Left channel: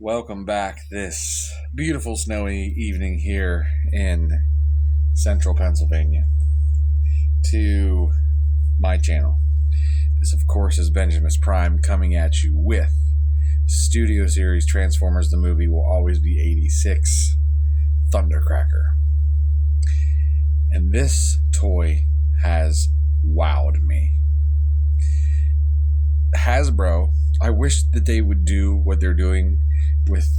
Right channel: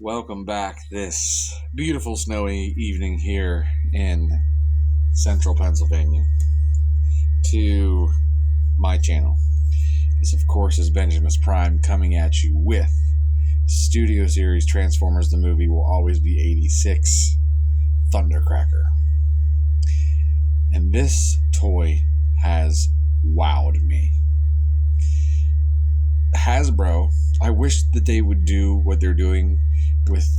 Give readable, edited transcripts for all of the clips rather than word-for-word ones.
Welcome back this beautiful snowy evening here in central Pennsylvania to my channel. This, of course, is Benjamin's Prime coming at you with Studio Series Transformers the Movie Will Always Be 86 Thundercracker. And this toy has wowed me. Hasbro, I wish that they would do what they're doing with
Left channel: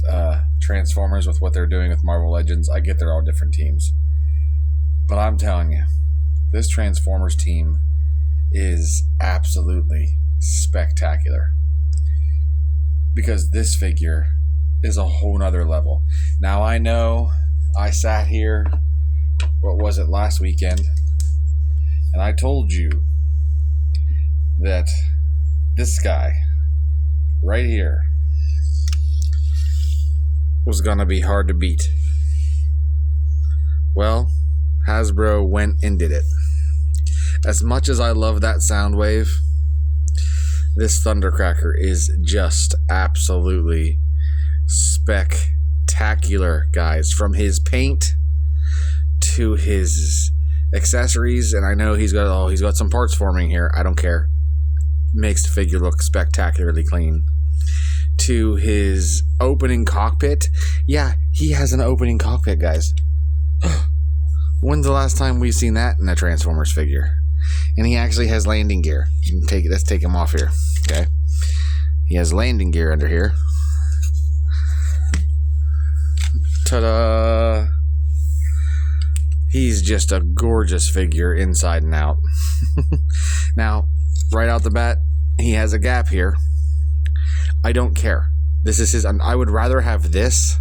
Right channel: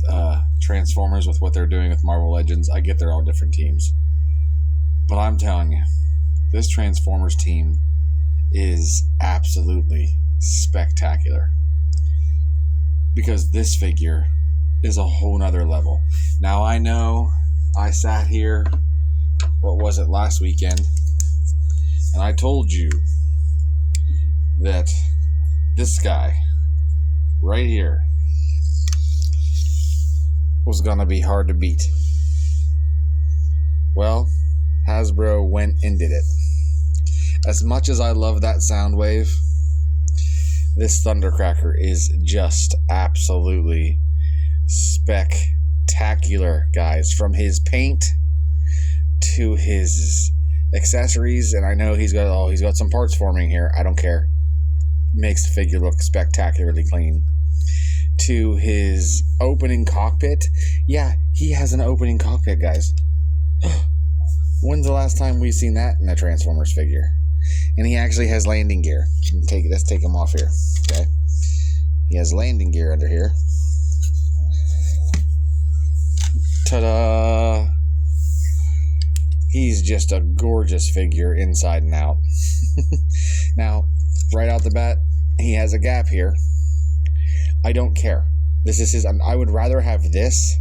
Transformers, with what they're doing with Marvel Legends. I get they're all different teams, but I'm telling you, this Transformers team is absolutely spectacular, because this figure is a whole nother level. Now, I know I sat here, what was it, last weekend, and I told you that this guy right here was going to be hard to beat. Well, Hasbro went and did it. As much as I love that sound wave, this Thundercracker is just absolutely spectacular, guys. From his paint to his accessories, and I know he's got some parts forming here. I don't care. Makes the figure look spectacularly clean. To his opening cockpit. Yeah, he has an opening cockpit, guys. When's the last time we've seen that in a Transformers figure? And he actually has landing gear. Let's take him off here. Okay. He has landing gear under here. Ta-da! He's just a gorgeous figure inside and out. Now, right out the bat, he has a gap here. I don't care. This is his. I would rather have this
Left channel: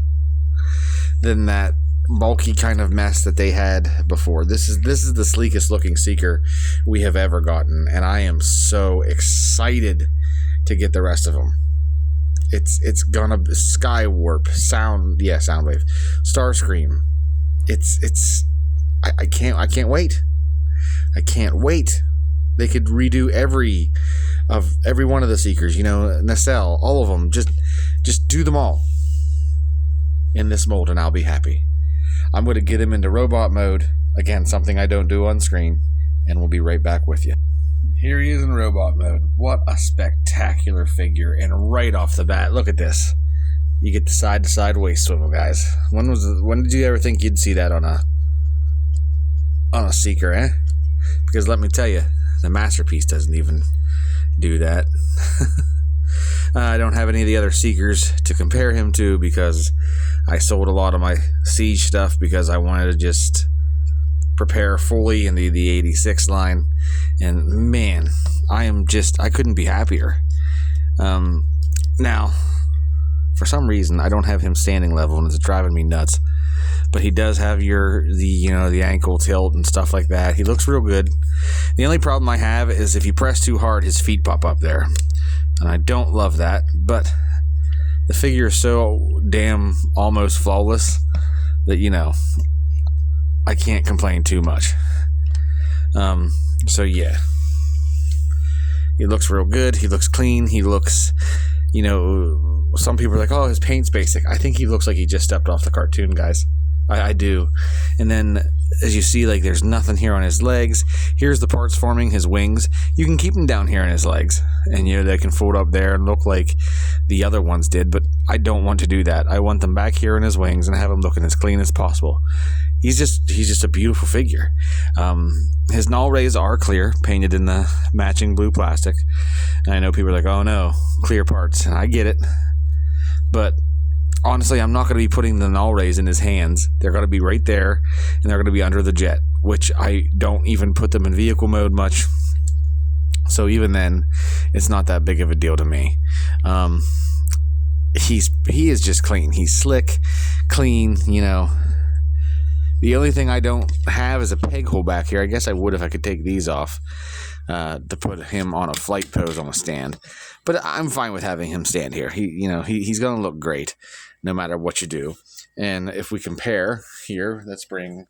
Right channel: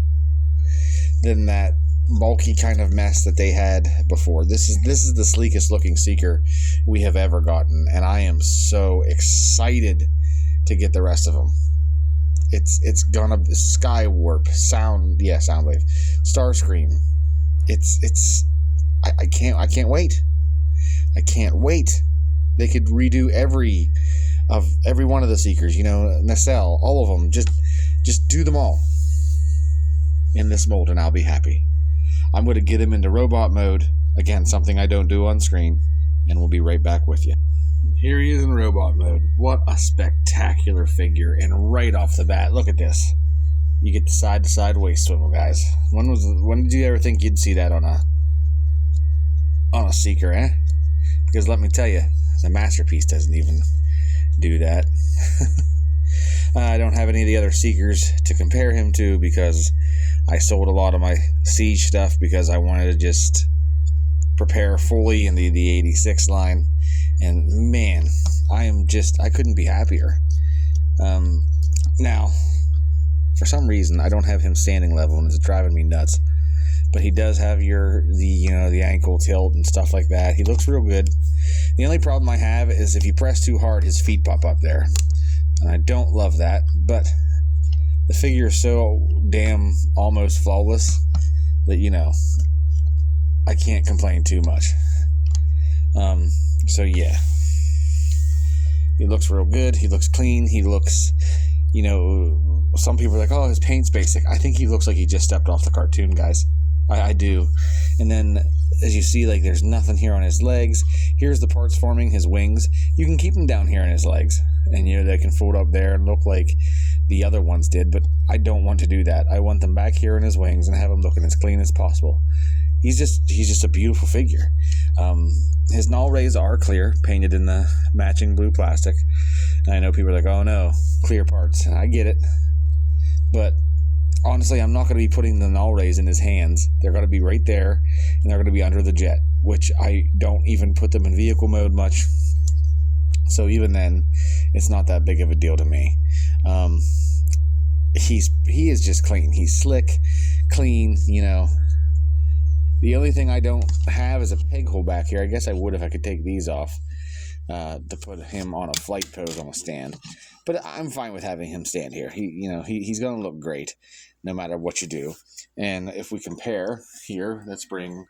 than that bulky kind of mess that they had before. This is the sleekest looking Seeker we have ever gotten, and I am so excited to get the rest of them. It's gonna be Skywarp, Soundwave, Starscream. I can't wait. I can't wait. They could redo every one of the Seekers, Nacelle, all of them. Just do them all in this mold, and I'll be happy. I'm going to get him into robot mode. Again, something I don't do on screen, and we'll be right back with you. Here he is in robot mode. What a spectacular figure, and right off the bat, look at this. You get the side-to-side waist swivel, guys. When did you ever think you'd see that on a Seeker, eh? Because let me tell you, the Masterpiece doesn't even do that. I don't have any of the other Seekers to compare him to, because I sold a lot of my Siege stuff because I wanted to just prepare fully in the 86 line. And man, I couldn't be happier. Now, for some reason, I don't have him standing level, and it's driving me nuts. But he does have the ankle tilt and stuff like that. He looks real good. The only problem I have is if you press too hard, his feet pop up there. And I don't love that, but the figure is so damn almost flawless that, I can't complain too much. So yeah. He looks real good. He looks clean. He looks, some people are like, oh, his paint's basic. I think he looks like he just stepped off the cartoon, guys. I do. And then, as you see, there's nothing here on his legs. Here's the parts forming his wings. You can keep them down here on his legs, and they can fold up there and look like the other ones did, but I don't want to do that. I want them back here on his wings and have him looking as clean as possible. He's just a beautiful figure. His null rays are clear, painted in the matching blue plastic. And I know people are like, oh no, clear parts, and I get it. But honestly, I'm not going to be putting the null rays in his hands. They're going to be right there, and they're going to be under the jet, which I don't even put them in vehicle mode much. So even then, it's not that big of a deal to me. He is just clean. He's slick, clean, The only thing I don't have is a peg hole back here. I guess I would if I could take these off to put him on a flight pose on a stand. But I'm fine with having him stand here. He's going to look great no matter what you do. And if we compare here, let's bring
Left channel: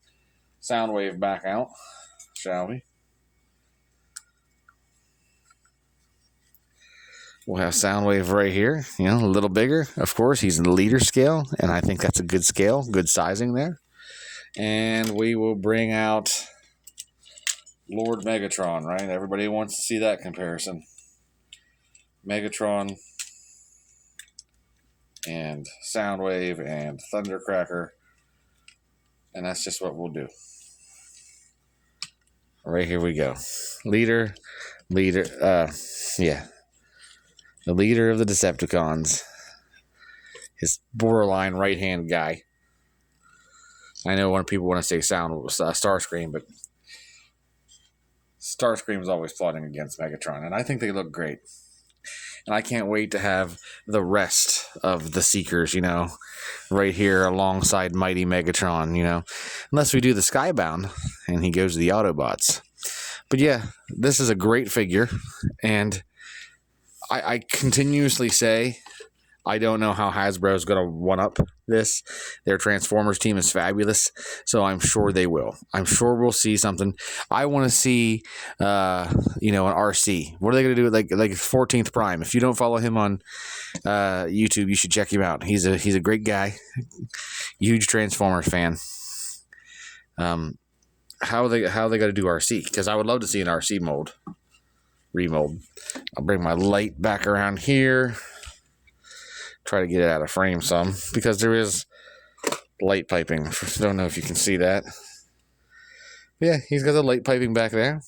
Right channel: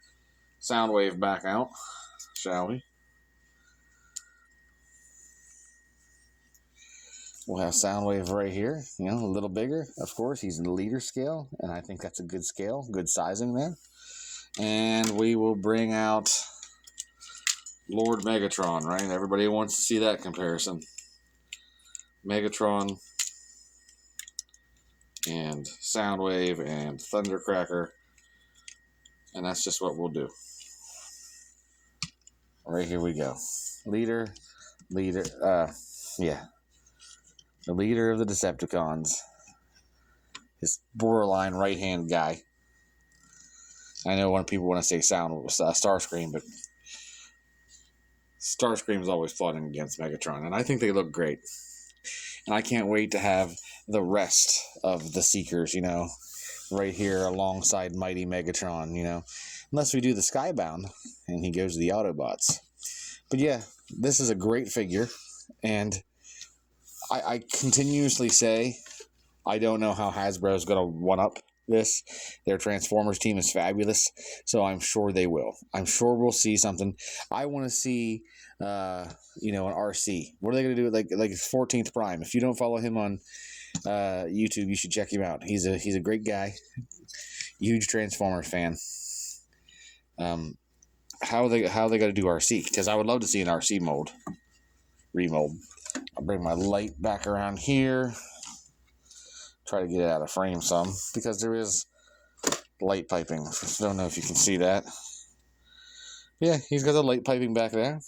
Soundwave back out, shall we? We'll have Soundwave right here, you know, a little bigger. Of course, he's in the leader scale, and I think that's a good scale, good sizing there. And we will bring out Lord Megatron, right? Everybody wants to see that comparison. Megatron and Soundwave and Thundercracker. And that's just what we'll do. Right, here we go. Leader, yeah. The leader of the Decepticons. His borderline right-hand guy. I know when people want to say Starscream, but Starscream's always plotting against Megatron, and I think they look great. And I can't wait to have the rest of the Seekers, you know, right here alongside Mighty Megatron, you know. Unless we do the Skybound, and he goes to the Autobots. But yeah, this is a great figure, and I continuously say I don't know how Hasbro's going to one-up this. Their Transformers team is fabulous, so I'm sure they will. I'm sure we'll see something. I want to see, you know, an RC. What are they going to do with like 14th Prime? If you don't follow him on YouTube, you should check him out. He's a great guy, huge Transformers fan. How are they going to do RC? Because I would love to see an RC remold. I'll bring my light back around here. Try to get it out of frame some, because there is light piping. Don't know if you can see that. Yeah, he's got the light piping back there.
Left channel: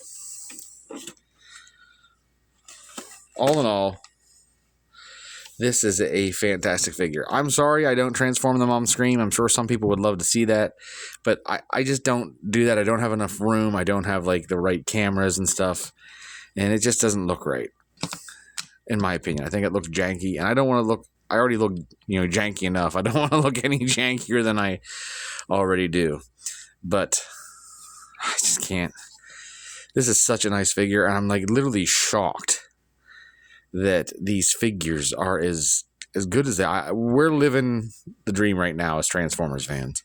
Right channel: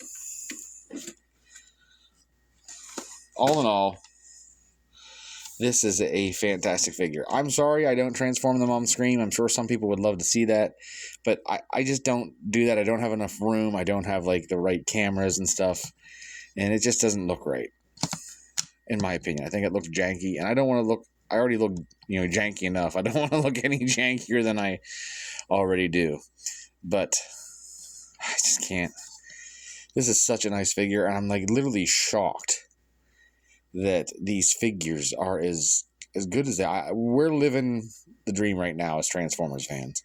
All in all, this is a fantastic figure. I'm sorry I don't transform them on screen. I'm sure some people would love to see that, but I just don't do that. I don't have enough room. I don't have like the right cameras and stuff, and it just doesn't look right, in my opinion. I think it looks janky, and I don't want to look. I already look, you know, janky enough. I don't want to look any jankier than I already do. But I just can't. This is such a nice figure, and I'm like literally shocked that these figures are as good as that. We're living the dream right now as Transformers fans.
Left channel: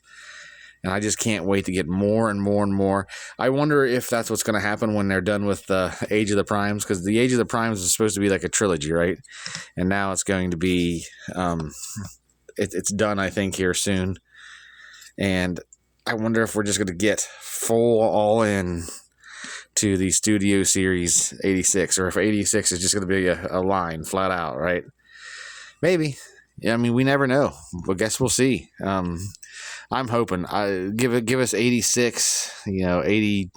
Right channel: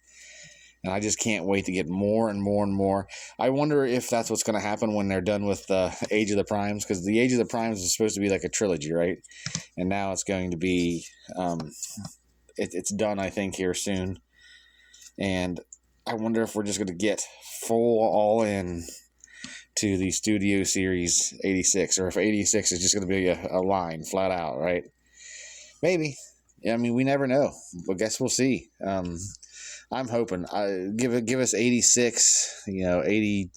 And I just can't wait to get more and more and more. I wonder if that's what's going to happen when they're done with the Age of the Primes, because the Age of the Primes is supposed to be like a trilogy, right? And now it's going to be, it's done, I think, here soon. And I wonder if we're just going to get full all-in to the Studio Series 86, or if 86 is just going to be a line, flat out, right? Maybe. Yeah, I mean, we never know. But guess we'll see. I'm hoping. Give us 86, you know, 80.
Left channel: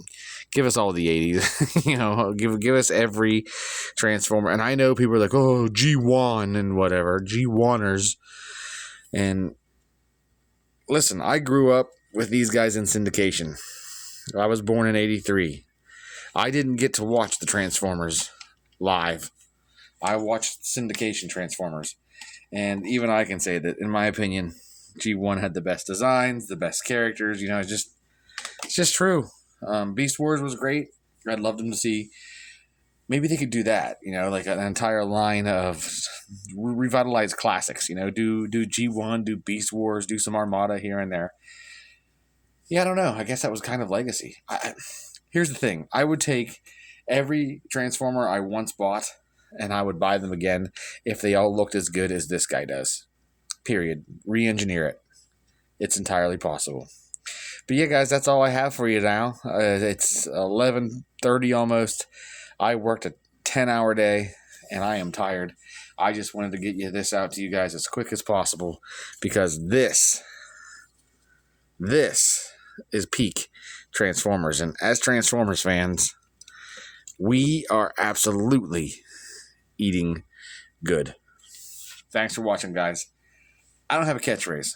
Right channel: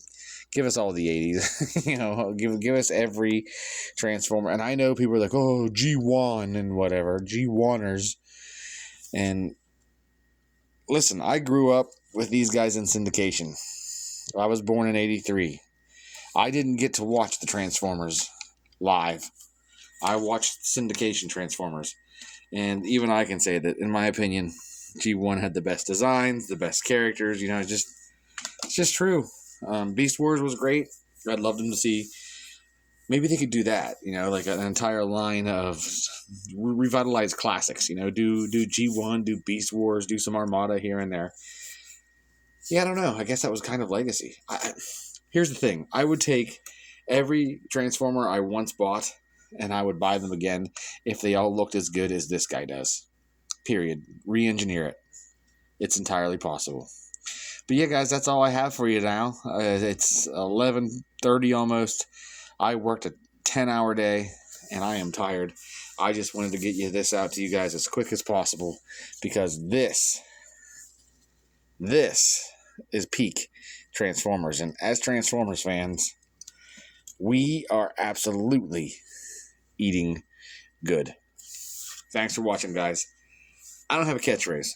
Give us all the 80s, you know. Give us every Transformer. And I know people are like, oh, G1 and whatever, G1ers. And listen, I grew up with these guys in syndication. I was born in '83. I didn't get to watch the Transformers live. I watched syndication Transformers. And even I can say that, in my opinion, G1 had the best designs, the best characters. You know, it's just true. Beast Wars was great. I'd love them to see. Maybe they could do that, you know, like an entire line of revitalized classics. You know, do G1, do Beast Wars, do some Armada here and there. Yeah, I don't know. I guess that was kind of legacy. Here's the thing. I would take every Transformer I once bought, and I would buy them again if they all looked as good as this guy does. Period. Re-engineer it. It's entirely possible. But yeah, guys, that's all I have for you now. It's 11:30 almost. I worked a 10-hour day, and I am tired. I just wanted to get this out to you guys as quick as possible, because this is peak Transformers. And as Transformers fans, we are absolutely eating good. Thanks for watching, guys. I don't have a catchphrase.